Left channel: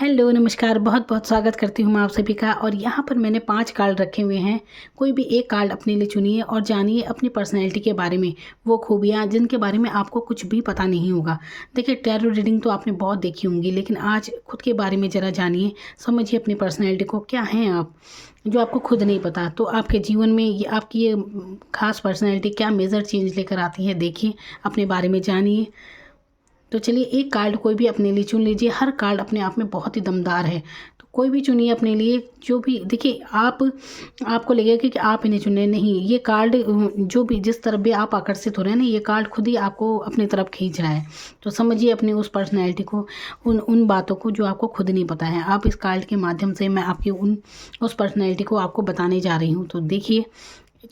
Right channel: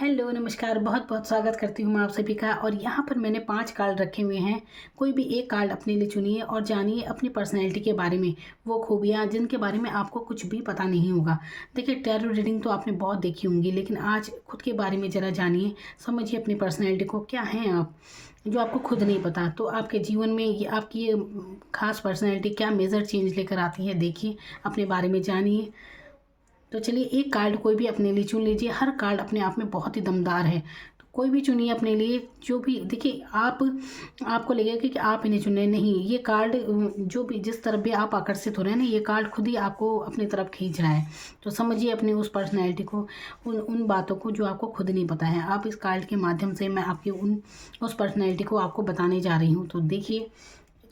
Hello, नमस्कार। बहुत बहुत स्वागत करती हूँ मैं आप सभी का। और यहाँ पर मैंने 5 कार्ड रखे हुए हैं। कोई भी एक कार्ड अपने लिए चुनिए और जानिए अपनी पर्सनैलिटी के बारे में, वो खूबियाँ जिनके बारे में आपको कुछ भी पता नहीं होगा। देखिए, टैरो रीडिंग तो आपने बहुत देखी होंगी, लेकिन आज खुद के बारे में ज़रा जानिए, समझिए अपनी पर्सनैलिटी को। क्या हैं आप, जो आपको खुद नहीं पता। तो आपके जीवन में ये आपकी ये खास पर्सनैलिटी क्या मेजर चेंज लेकर आती है, देखिए, अपने बारे में जानिए। तो चलिए, एक कार्ड कोई भी अपने लिए चुन लीजिए। हर कार्ड अपने आप में बहुत ही दमदार है, तो कोई भी चुनिए अपने लिए। जो भी देखिए, आपको लगेगा कि आप इन्हें चुने, नहीं, ये कार्ड जो भी जिस तरफ भी आप आकर्षित हो रहे हैं ना, ये कार्ड खुद ही आपको अपनी तरफ खींच रहा है। तो समझिए अपनी उस पर्सनैलिटी को, उन उन बातों को जो आपको खुद नहीं पता है। आप इस कार्ड के माध्यम से मैं आपकी उस पर्सनैलिटी को आपको बताने जा रही हूँ। तो देखिए,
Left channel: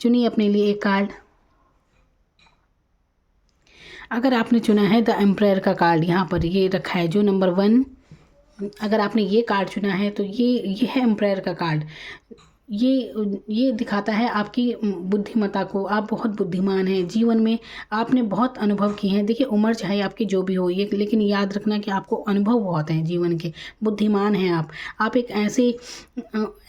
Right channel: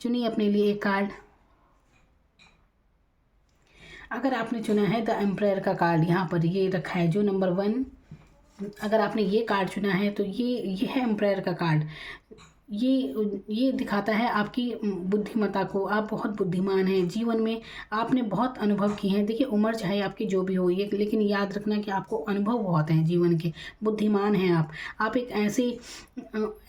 चुनिए अपने लिए एक कार्ड। अगर आपने चुना है द एम्पायर का कार्ड, यहाँ पर ये रखा है जो नंबर 1। अगर आपने ये कार्ड चुना है तो ये है एम्पायर का कार्ड। ये ये दिखाता है आपकी बुद्धिमत्ता को। आप बहुत बुद्धिमान हैं जीवन में। आपने बहुत अनुभव किए हैं। देखिए, उम्र चाहे आपकी जो भी हो, ये लेकिन याद रखना कि आपको अनुभव बहुत हैं जीवन के। बुद्धिमान हैं आप एक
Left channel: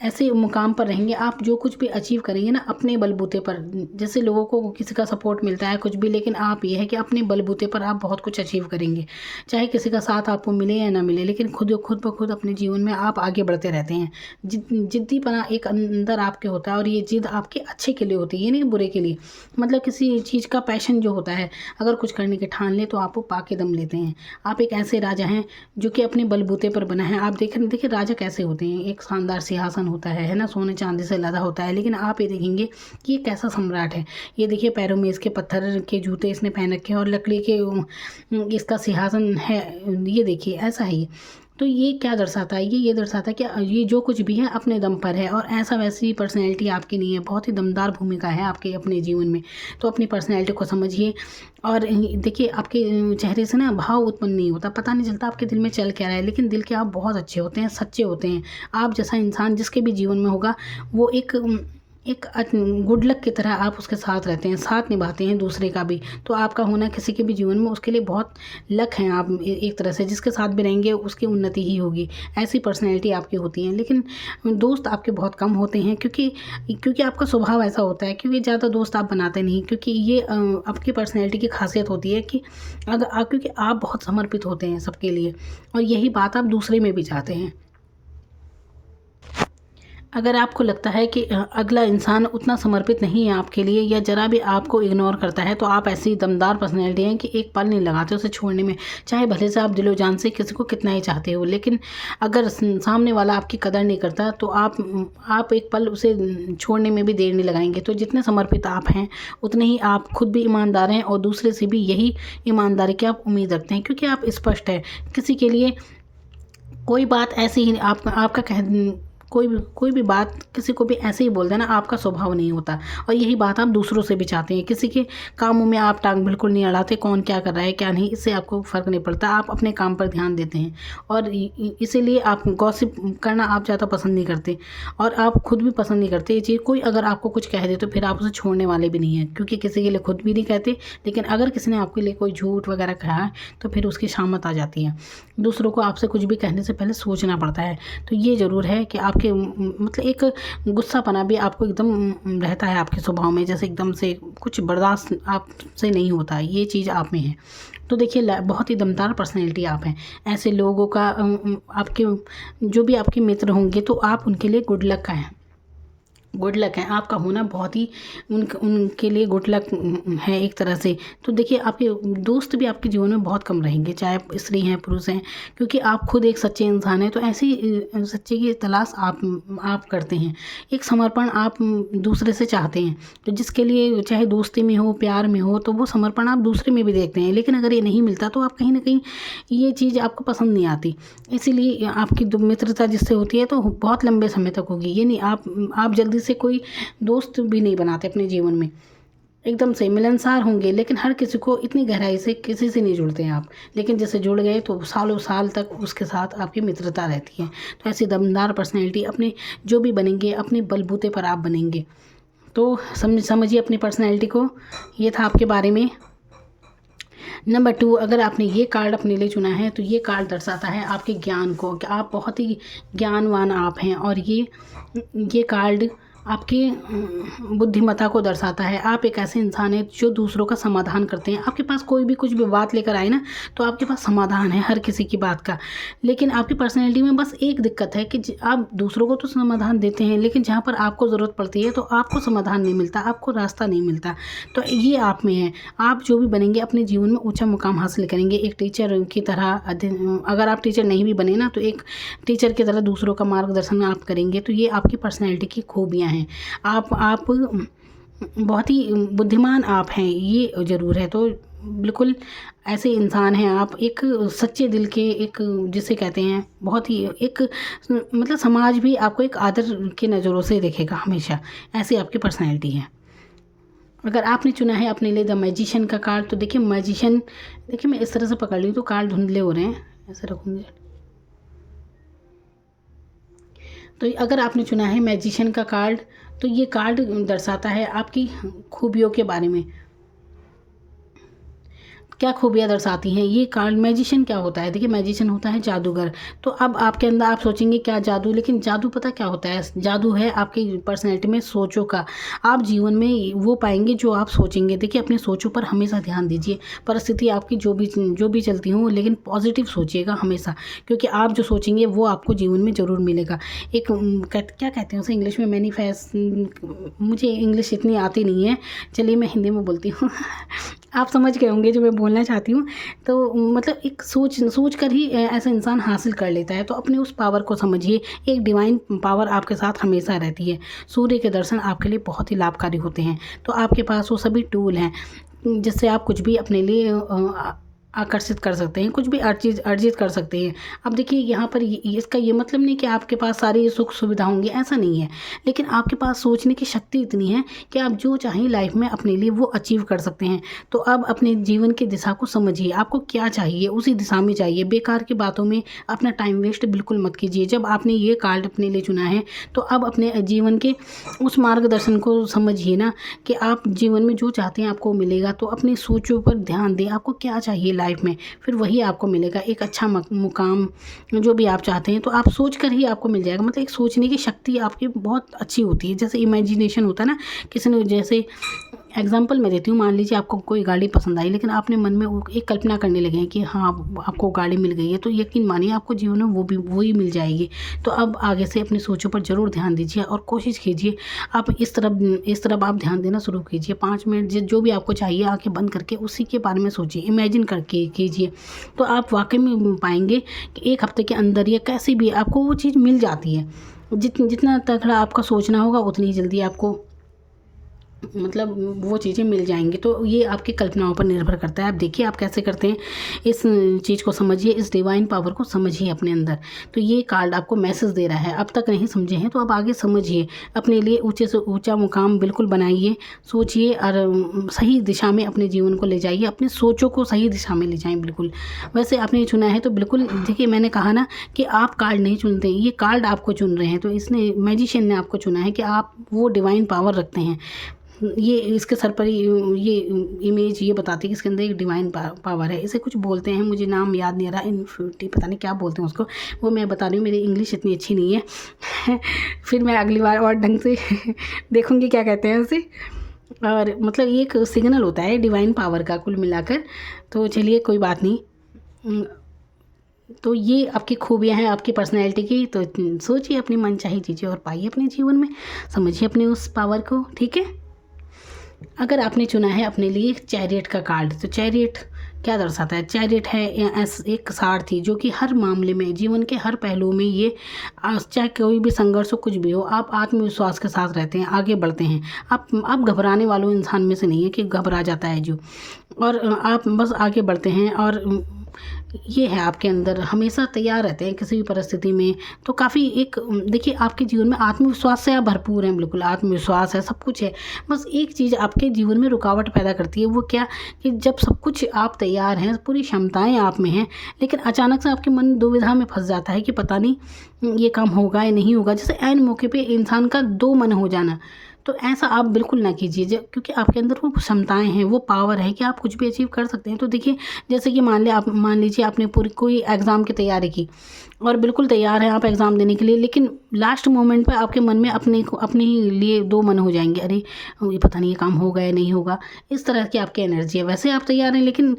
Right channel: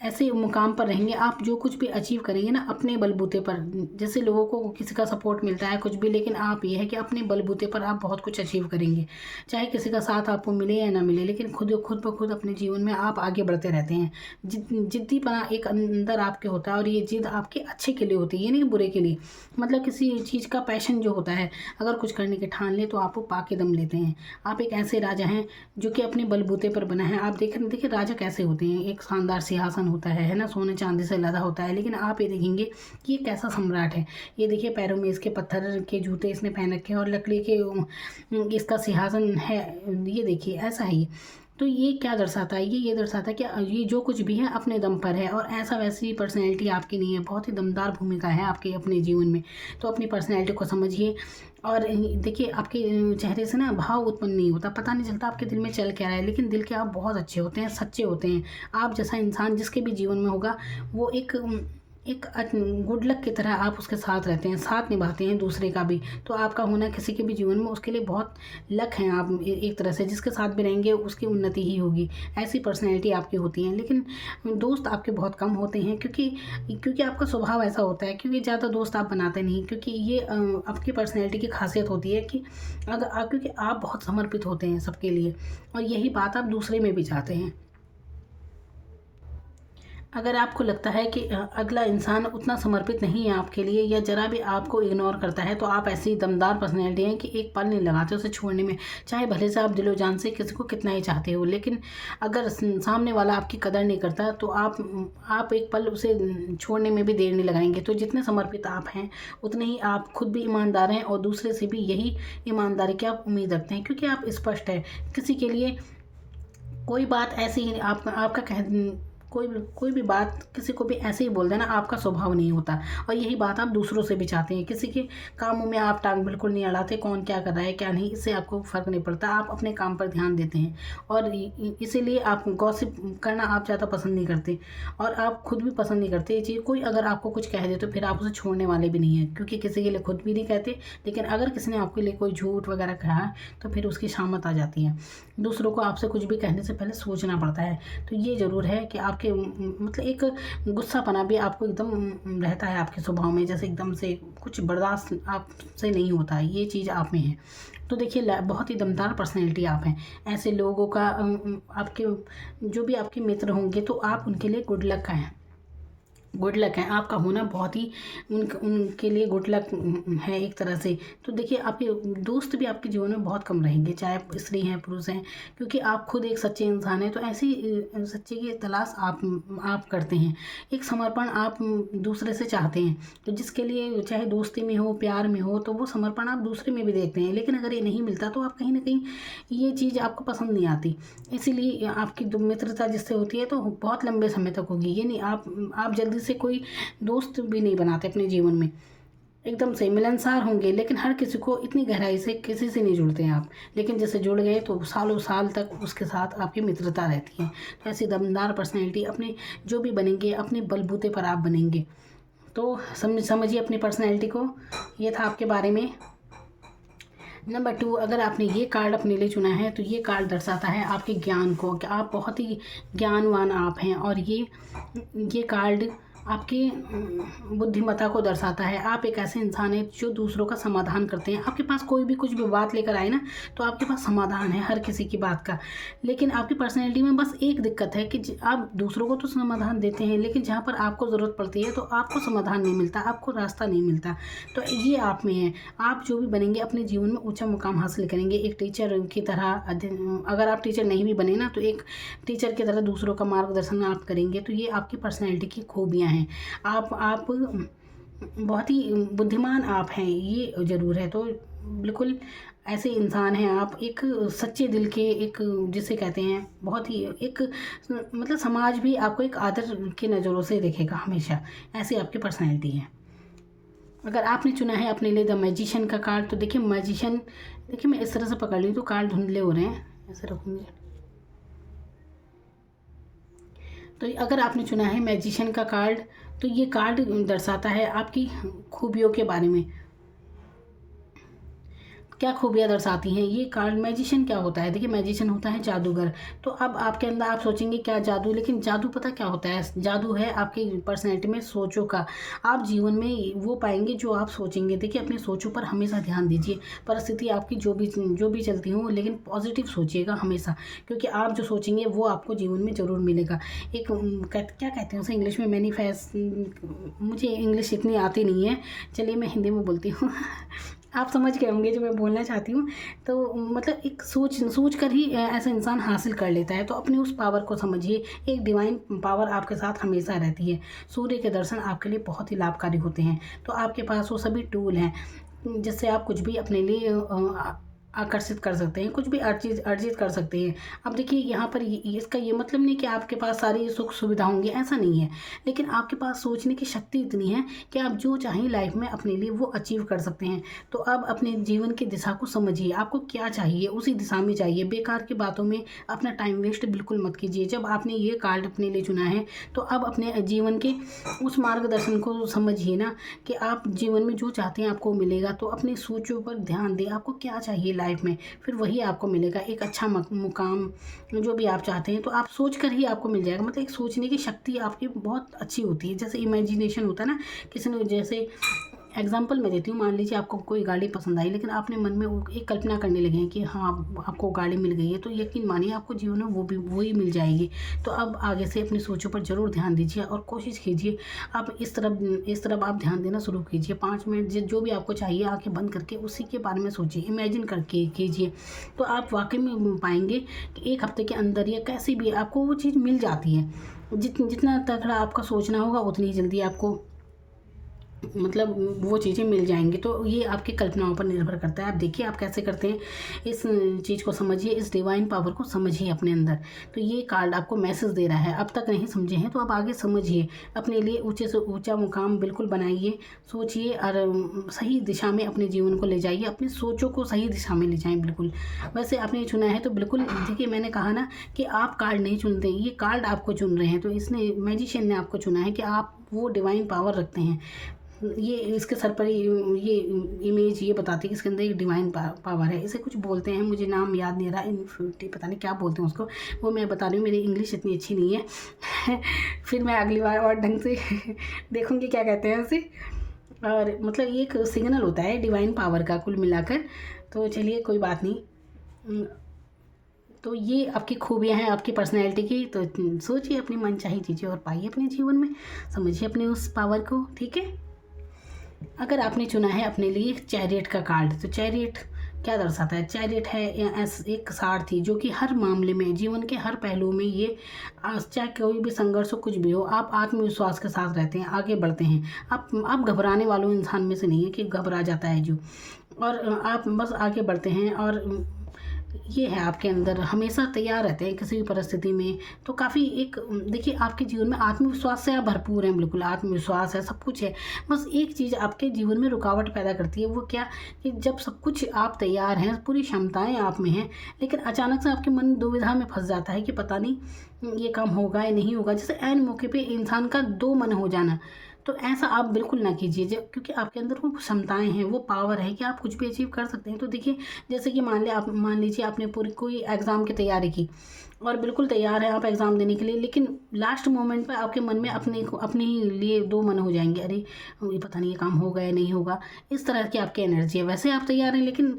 ऐसे मुकाम पर रहेंगे। आप जो कुछ भी अचीव करेंगे ना अपने बलबूते पर, जैसे लोगों को किसी का सपोर्ट मिलता है कुछ भी, लेकिन आप ये है कि अपने बलबूते पर आप बहुत कुछ अचीव करेंगे। चाहे किसी का साथ आपको मिले या ना मिले, लेकिन खुद खुद ब खुद अपने जीवन में आप आगे बढ़ते रहते हैं। जिद्दीपना एक अंदर आपके होता है, और ये जिद आपके अच्छे के लिए होती है, ये नहीं बुरे के लिए। मतलब किसी चीज़ का पैशन जो होता है, अगर कुछ करने के ठान ले तो आप वो पाके दम लेते हैं। आप एक ऐसे राजा हैं जो कि अपने बलबूते पर बना है। आप देखिए राजा कैसे होते हैं। एक शानदार सिंहासन होता है ना, सोने चांदी से लदा होता है। लेकिन आप ये देखेंगे कि ये कैसा सम्राट है। ये देखिए, पैरों में इसके पत्थर के जूते इसने पहन रखे हैं, और लकड़ी के इसका सिंहासन है। ये देखिए, ऐसा ही। तो ये क्या दर्शाता है, ये दर्शाता है कि ये जो कुछ भी है अपने दम पर है, और ऐसा वैसी पर्सनैलिटी आपकी नहीं है। बहुत ही दमदार भूमिका है आपके अपने जीवन में। तो अपनी पर्सनैलिटी को समझिए। और देखिए, आपके चेहरे से ना भाव उत्पन्न नहीं होता, पता नहीं चलता आपके दिल में चल क्या रहा है, लेकिन दिल के आप बहुत अच्छे होते हैं, सच्चे होते हैं। आप जैसा इंसान जिसके भी जीवन में होगा, वो एक गुड लक की तरह आप उसके साथ रहते हैं, साथ निभाते हैं दूसरे का भी। तो आपका होना किसी के भी जीवन में उसके लिए बहुत लक हैं। आप एक तरह से जिसके साथ भी रहेंगे उसकी उन्नति ही होगी। ऐसी पर्सनैलिटी आपकी होती है। लेकिन दोस्त आपके बहुत कम होते हैं, क्योंकि आपका स्वभाव ऐसा होता है। क्योंकि ज़्यादा दोस्त आप बनाते नहीं, क्योंकि ये आपकी पर्सनैलिटी की खासियत होती है कि क्योंकि आप बहुत समर्पित होते हैं सबके लिए, और यही बात आप दूसरे में भी चाहते हैं। अगर आपको लगता है कि अगला इंसान उतना समर्पित नहीं है आपके लिए, या ज़रा भी आपको इग्नोर करता है, तो आप ऐसी दमदार पर्सनैलिटी हैं कि एक पल नहीं लगाते उसे छोड़ने में। चाहे भले से आप दिलो जान से किसी को कितना ही चाहते हो, लेकिन अगर सामने वाला आपकी कदर नहीं करता तो आप एक पल उसे छोड़ने में भी देर नहीं लगाएंगे। तो जितने समर्पित आप हैं, उतने ही आप खुद भी ईमानदार हैं, और दूसरे से भी यही ईमानदारी की आप उम्मीद रखते हैं, क्योंकि आप स्पष्ट हैं। किसी के लिए कोई बात ऐसी ही आपका कोई भी बात किसी को भी ऐसे ही बोल देना, आपका स्वभाव नहीं होता। और यही बात आप दूसरों से भी चाहते हैं। किसी के कामों में आप टांग बिल्कुल नहीं अड़ाते, कौन क्या कर रहा है क्या नहीं, इससे आपको फ़र्क नहीं पड़ता। आप अपने काम पर ध्यान देते हैं, और इसीलिए आप गॉसिप करना आप ज़्यादा पसंद नहीं करते, और आप खुद भी पसंद नहीं करते ये चीज़। कोई अगर आपको कुछ कह दे तो फिर आप उसे छोड़ने वाले भी नहीं हैं, क्योंकि किसी के लिए खुद भी नहीं कहते। लेकिन अगर किसी ने आपके लिए कोई झूठ वगैरह कहा है तो फिर उसकी शामत आ जाती है। दूसरों को आपसे कुछ भी कहने से पहले सोचना पड़ता है। तो ये ज़रूर है कि आपके मतलब एक गुस्सापना भी आपको एकदम रहता है आपके स्वभाव में, जैसे एकदम से कुछ बर्दाश्त आपसे नहीं होता है, ये चीज़ आप में है। तो देखिए, बहुत ही दमदार पर्सनैलिटी आप हैं। ऐसे लोगों का आपके जो भी आपके मित्र होंगे, तो आप उनके लिए गुड लक का हैं, गुड लक है आपका होना। बहुत ही उनके लिए गुड लक है एक तरह से। तो देखिए, आपके दोस्त भी आपके जीवन में बहुत कम रहेंगे, चाहे स्त्री हैं पुरुष हैं, क्योंकि आप खुद एक सच्चे इंसान हैं। तो ऐसी सच्चे की तलाश आप करते हैं। एक समर्पण आप दूसरे से चाहते हैं, तो जिसके लिए चाहे दोस्ती में हो प्यार में हो, तो वो समर्पण आप दूसरे में भी देखते हैं। लेकिन अगर ये नहीं मिलता तो आप कहीं ना कहीं ये चीज़ आपको पसंद नहीं आती। इसीलिए आपकी मित्रता जिससे होती है तो बहुत लंबे समय तक होगी। ये नहीं आप जल्दी से कोई दोस्त भी नहीं बनाते अपने जीवन में। एकदम से मिलनसार होंगे, लेकिन हर किसी को इतनी गहराई से किसी से नहीं जुड़ते हैं आप। लेकिन जैसे जुड़ गए तो सालों साल तक उसके साथ आपकी मित्रता रहती है। तो ऐसी दमदार पर्सनैलिटी अपने जो भी बनेंगे, अपने बलबूते पर आप बनेंगे। तो समझिए अपनी पर्सनैलिटी को। ये था आपके बारे में। नंबर 2, अगर आपने ये कार्ड अपने लिए चुना है तो ये कार्ड दर्शाता है आपके ज्ञान को, कि आप बहुत ही ज्ञानवान आप हैं। और ये कार्ड आपकी बुद्धिमत्ता को दर्शाता है। आप एक ऐसे इंसान हैं जो दूसरों का समाधान करते हैं। आपके पास कोई भी कुछ भी बात लेकर आए ना, तो आपके पास समाधान है हर किसी की बात का। लेकिन आपकी पर्सनैलिटी में बस एक दिक्कत है कि आप दूसरों को तो समाधान देते हैं, लेकिन जहाँ पर आपको ज़रूरत पड़ती है तो आपको समाधान नहीं मिलता, आपको रास्ता नहीं मिलता। तो ये आप में है। आप जो भी बनेंगे अपने जीवन में ऊंचा मुकाम हासिल करेंगे। एक टीचर की तरह अगर आप टीचर नहीं भी बने ना, तो एक टीचर की तरह दूसरों का मार्गदर्शन आप करेंगे। तो ये आपकी पर्सनैलिटी की खूबियाँ हैं। आप बहुत ही बुद्धिमान आप हैं, ये ज़रूर है। तो बिल्कुल ऐसे इंसान हैं आप, एक सच्चे दिल के, एक जिसे कहते हैं बहुत ही एक मतलब समाज भी आपको एक आदर की नज़रों से देखेगा हमेशा। ऐसी आपकी पर्सनैलिटी है। अगर आपने चुना है अपने लिए द मैजिशियन का कार्ड, तो देखिए मैजिशियन, देखिए मैं इस तरह से पकड़ रही हूँ तो कार्ड धुंधले हो रहे हैं, ऐसे रखूँगी। तो अगर आपने चुना है मैजिशियन का कार्ड, तो ये कार्ड दर्शाता है आपकी खूबियों के बारे में। क्या खूबियाँ दर्शाती हैं ये कार्ड। मैजिशियन क्या होता है, देखिए मैजिशियन होता है जादूगर। तो अब आपके अंदर आप सोचेंगे क्या जादू, लेकिन जादू पता क्या होता है, जादू है आपकी पर्सनैलिटी में सोचों का। आप जीवन में वो पाएंगे जो आप सोचेंगे। देखिए अपनी सोचों पर हमेशा ध्यान दीजिए। परिस्थिति आपकी जो भी चलती हो, लेकिन पॉजिटिव सोचिएगा हमेशा, क्योंकि आप जो सोचेंगे वो आपको जीवन में ज़रूर मिलेगा। एक क्या कहते हैं उसे इंग्लिश में, मैनिफेस्ट, मुझे इंग्लिश इतनी आती नहीं है, चलिए मैं हिंदी में बोलती हूँ आप समझ गए होंगे जो मैं बोलना चाहती हूँ। तो मतलब एक सोच कर ही ऐसा इंसान हासिल कर लेता है। तो अपने उस पावर को समझिए। एक डिवाइन पावर आपके साथ हमेशा रहती है। सूर्य के दर्शन आपके लिए बहुत ही लाभकारी होते हैं। तो आपके पास वो सभी टूल हैं जिससे आप कुछ भी अपने लिए आकर्षित कर सकते हैं, कुछ भी अर्जित कर सकते हैं। अब देखिए यहाँ पर इसका ये मतलब नहीं कि आपके पास सारी सुख सुविधा होंगी, ऐसा नहीं है। लेकिन आपके पास सोचने की शक्ति इतनी है कि आप जो चाहें लाइफ में अपने लिए वो अचीव कर सकते हैं। तो अब अपने जीवन की दिशा को समझिए, आपको क्या चाहिए उसी दिशा में चाहिए। बेकार की बातों में अपना टाइम वेस्ट बिल्कुल मत कीजिए। जब आपने ये कार्ड अपने लिए चुना है तो अब अपने जीवन के उस मार्गदर्शन को समझिए ना, कि आप जीवन में जो चाहते हैं आपको मिलेगा। तो अपनी सोचों पर ध्यान दें, आपको क्या चाहिए लाइफ में, फिर वही आपको मिलेगा। एक अच्छा मुकाम जो भी आप चाहते हैं, तो आप सोच कर ही आपको मिल जाएगा। मतलब एक सोचने की शक्ति आपकी बहुत अच्छी होती है। जैसे इमेजिनेशन होता है ना, किसी ने, जैसे एग्जाम्पल मैं देती हूँ, मान लीजिए आपको कोई गाड़ी पसंद आई, लेकिन आपने मन में एक कल्पना करने लगे हैं कि हाँ आपको गाड़ी मिल गई है, तो यकीन मानिए आपको जीवन में वही मिल जाएगी। तो अब आगे से अपनी सोचों पर ज़रूर ध्यान दीजिए और कोशिश कीजिए आप इस तरफ आप ध्यान देना शुरू कीजिए। 5 मिनट जो भी आपको चाहिए आंखें बंद करके उसी के बारे में सोचिए, इमेजिन करके कीजिए। तो आप वाकई में पाएंगे कि 1 हफ्ते के अंदर या कैसे भी आपको वो चीज़ मिल जाती है। जितना तगड़ा आपका सोचना होगा उतनी जल्दी आपको मतलब वो चीज़ें मिल जाएंगी। तो ये आपकी कल्पनाओं पर निर्भर करता है। आप देखिए आप कैसे करते हैं, इस चीज़ को समझिए, इस डिवाइन पावर को समझिए अपने अंदर। तो ये कार्ड आपको मैसेज दे रहा है। अब तक नहीं समझे हैं तो अब आगे समझिए, अपने लिए ऊंचे से ऊंचा मुकाम बिल्कुल बनाइए, सोचिए और सही दिशा में अपने जीवन को ले जाइए। अपनी सोचों को सही दिशा में ले जाएँ बिल्कुल। वैसे आपने चुना है तो बिल्कुल, देखिए मैंने कहा ना कि आप कार्ड नहीं चुनते, ये कार्ड आपको चुन रहे हैं। तो इसने, मैजिशियन ने आपको चुना है कि आप वो डिवाइन पावर रखते हैं। ये इसके सर पर ये इमेज ये बताती है कि इसके अंदर एक डिवाइन पावर है। इसे कुछ बोलते हैं, मुझे नाम याद नहीं आ रहा, इन्फिनिटी पता नहीं क्या बोलते हैं उसको, वो मैं बता रही हूँ, मेरी इंग्लिश इतनी अच्छी नहीं है फिर मैं अगली बार और ढंग से देखूँगी क्या कहते हैं उसे। और मतलब ये एक सिग्नल होता है डिवाइन पावर का कुल मिलाकर। तो चलिए कोई बात नहीं। तो ये आपकी खूबियाँ हैं आपकी पर्सनैलिटी की। तो सोचिए अपनी मनचाही चीज़ें और पाइए अपने जीवन में, समझिए अपने उस पावर को, ठीक है। अगर आपने चुना है अपने लिए चैरियट का कार्ड, तो चैरियट क्या दर्शाता है। चैरियट है एक सारथी जो कि हर मामले में, जीवन के हर पहलू में, ये चाहे कोई भी संघर्ष हो, कुछ भी हो, आप आत्मविश्वास के साथ रहते हैं, आगे बढ़ते हैं। आप घबराने वालों इंसान में से नहीं है कि घबरा जाता है जो, और आप बस आगे बढ़ते हैं। और ये है आपके अंदर, हमेशा तैयार रहते हैं किसी भी परिस्थिति में। तो काफ़ी एक, देखिए आपके जीवन में आत्मविश्वास से आप भरपूर हैं, बिल्कुल आत्मविश्वास है, सब कुछ है। बस एक चीज़ आपके जीवन में रुकावट पैदा करती है, वो क्या, कि जब सब कुछ आप तैयार हैं, पूरी क्षमताएं आप में हैं, लेकिन अचानक से आपके मन दुविधा में फंस जाता है कि पता नहीं ये काम होगा या नहीं होगा। जैसे ऐन मौके पे इंसान का 2 मन हो जाना, तो ऐसा आप बिल्कुल ना कीजिए, क्योंकि आपके अंदर वो क्षमताएं हैं, वो पावर है कि आप कुछ भी अचीव कर सकते हैं। तो देखिए, जैसे कि मान लीजिए आपने पूरी कोई एग्ज़ाम की तैयारी की और बिल्कुल तैयार हैं आप एग्ज़ाम देने के लिए, लेकिन लास्ट मोमेंट पे आपके मन में अपने ही लिए दो मन हो जाएंगे, अरे ये पता नहीं ये काम होगा या नहीं होगा। इस तरह की आपकी एनर्जी है। वैसे आप तैयार हैं, लेकिन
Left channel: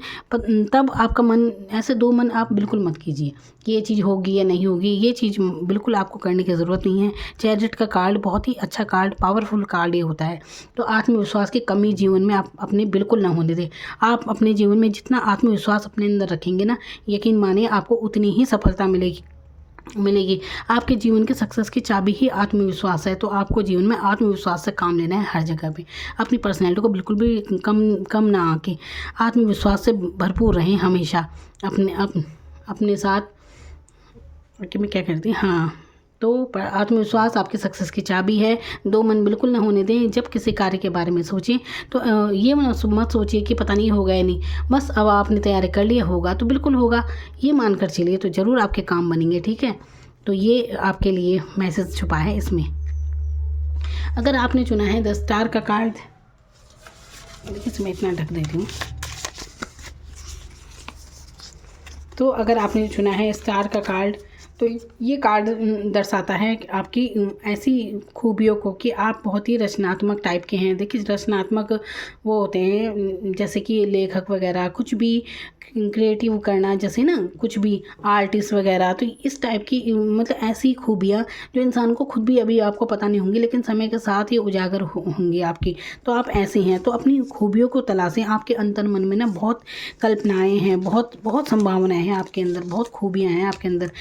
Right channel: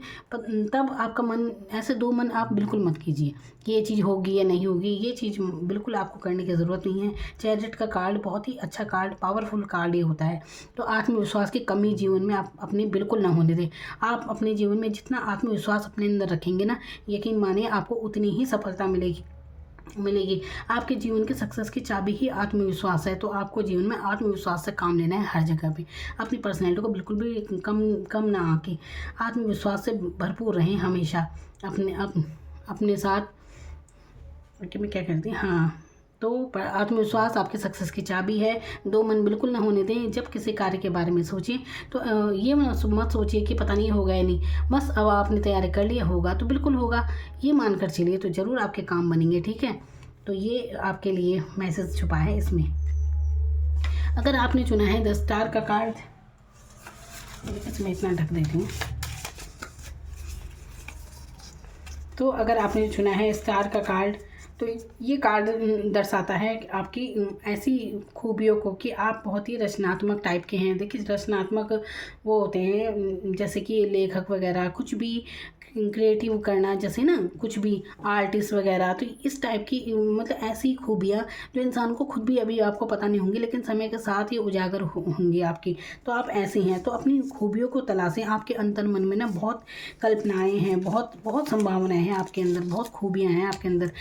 तब आपका मन, ऐसे दो मन आप बिल्कुल मत कीजिए कि ये चीज़ होगी या नहीं होगी। ये चीज़ बिल्कुल आपको करने की ज़रूरत नहीं है। चैरिट का कार्ड बहुत ही अच्छा कार्ड, पावरफुल कार्ड ये होता है। तो आत्मविश्वास की कमी जीवन में आप अपने बिल्कुल ना होने दें। आप अपने जीवन में जितना आत्मविश्वास अपने अंदर रखेंगे ना, यकीन मानिए आपको उतनी ही सफलता मिलेगी। आपके जीवन के सक्सेस की चाबी ही आत्मविश्वास है। तो आपको जीवन में आत्मविश्वास से काम लेना है हर जगह पे। अपनी पर्सनैलिटी को बिल्कुल भी कम ना आके आत्मविश्वास से भरपूर रहें हमेशा अपने साथ। कि मैं क्या करती, हाँ, तो आत्मविश्वास आपके सक्सेस की चाबी है। दो मन बिल्कुल ना होने दें। जब किसी कार्य के बारे में सोचें तो ये मत सोचिए कि पता नहीं होगा या नहीं। बस अब आपने तैयारी कर लिया, होगा तो बिल्कुल होगा, ये मानकर चलिए, तो ज़रूर आपके काम बनेंगे। ठीक है, तो ये आपके लिए मैसेज छुपा है इसमें। अगर आपने चुना है 10 स्टार का कार्ड, देखिए इसमें इतना ढक देती हूँ। तो अगर आपने चुना है स्टार का कार्ड, तो ये कार्ड दर्शाता है कि आपकी ऐसी खूबियों को कि आप बहुत ही रचनात्मक टाइप के हैं। देखिए, रचनात्मक वो होते हैं जैसे कि लेखक वगैरह, कुछ भी क्रिएटिव करना, जैसे ना कुछ भी आर्टिस्ट वगैरह। तो इस टाइप की मतलब ऐसी खूबियाँ जो इंसान को खुद भी अभी आपको पता नहीं होंगी, लेकिन समय के साथ ये उजागर होंगी आपकी। तो आप ऐसे हैं, तो अपनी खूबियों को तलाशें। आपके अंतर मन में ना बहुत कल्पनाएँ हैं, बहुत बहुत संभावनाएँ हैं आपके अंदर, बहुत खूबियाँ हैं आपके अंदर। तो